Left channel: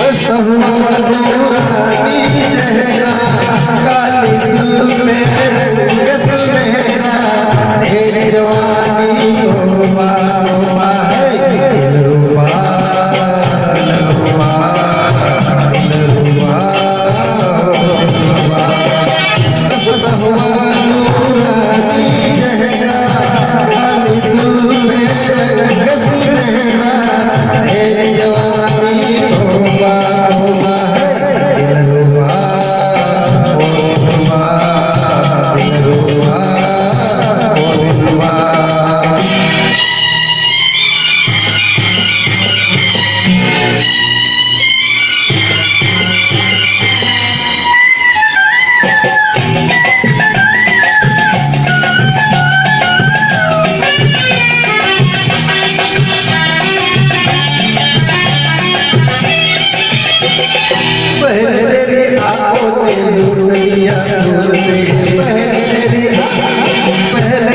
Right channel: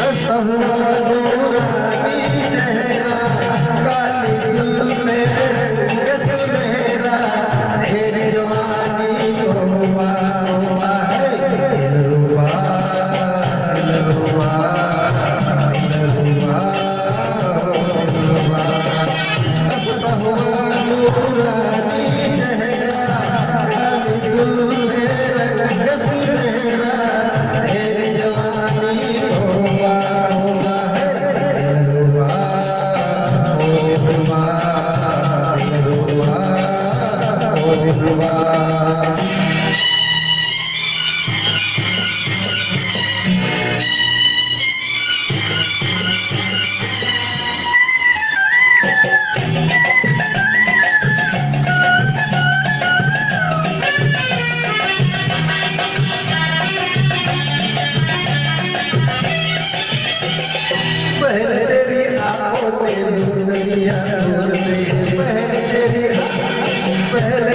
हंसता हुआ नूरानी चेहरा, काली धूप में रंग सुनहरा, तेरी जवानी तौबा तौबा है, दिलरुबा दिलरुबा दिलरुबा दिलरुबा। हंसता हुआ नूरानी चेहरा, काली धूप में रंग सुनहरा, तेरी जवानी तौबा तौबा है, दिलरुबा दिलरुबा दिलरुबा दिलरुबा। पहले तेरी आंखों में नूर लिया दूर से, पहले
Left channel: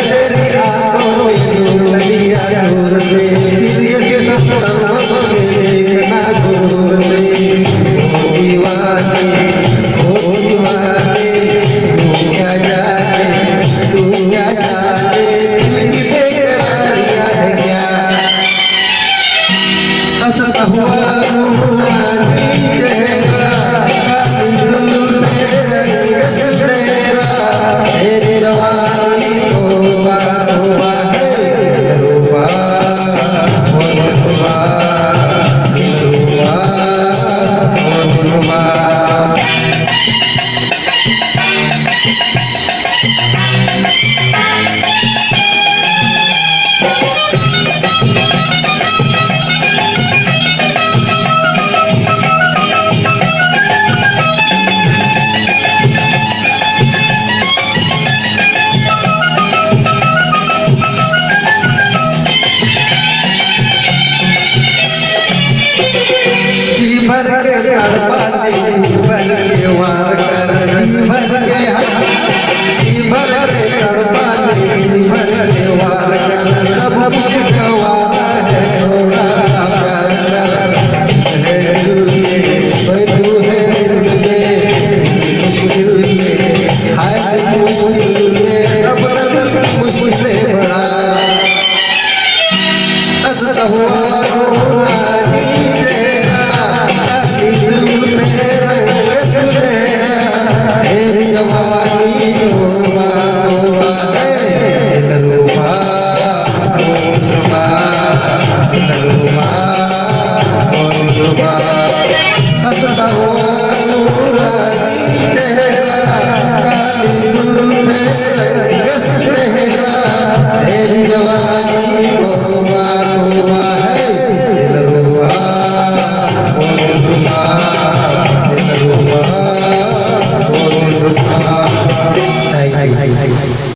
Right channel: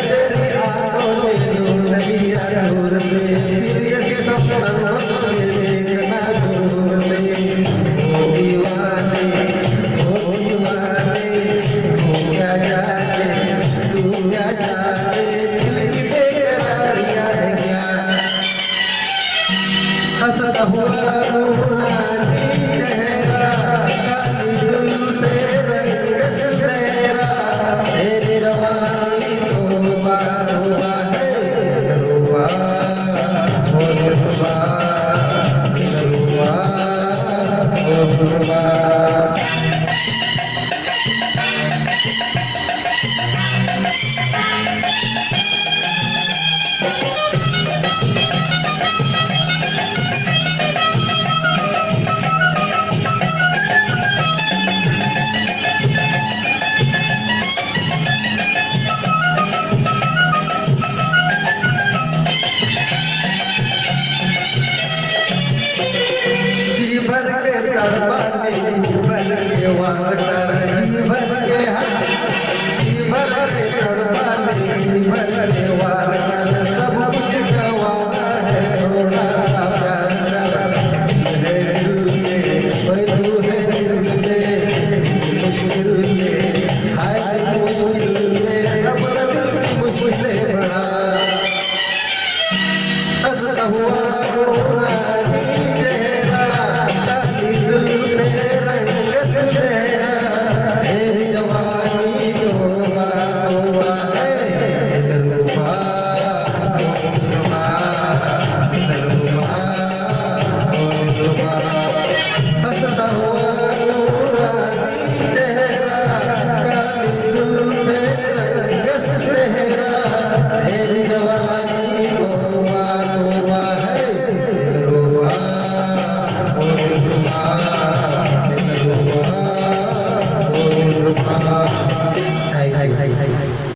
तेरी आंखों में नूर लिया दूर से, फिर ये सपना मुझे देखना दूर से। ओ दीवाने तू क्या जाने दिल की बेकरारियां है क्या। हंसता हुआ नूरानी चेहरा,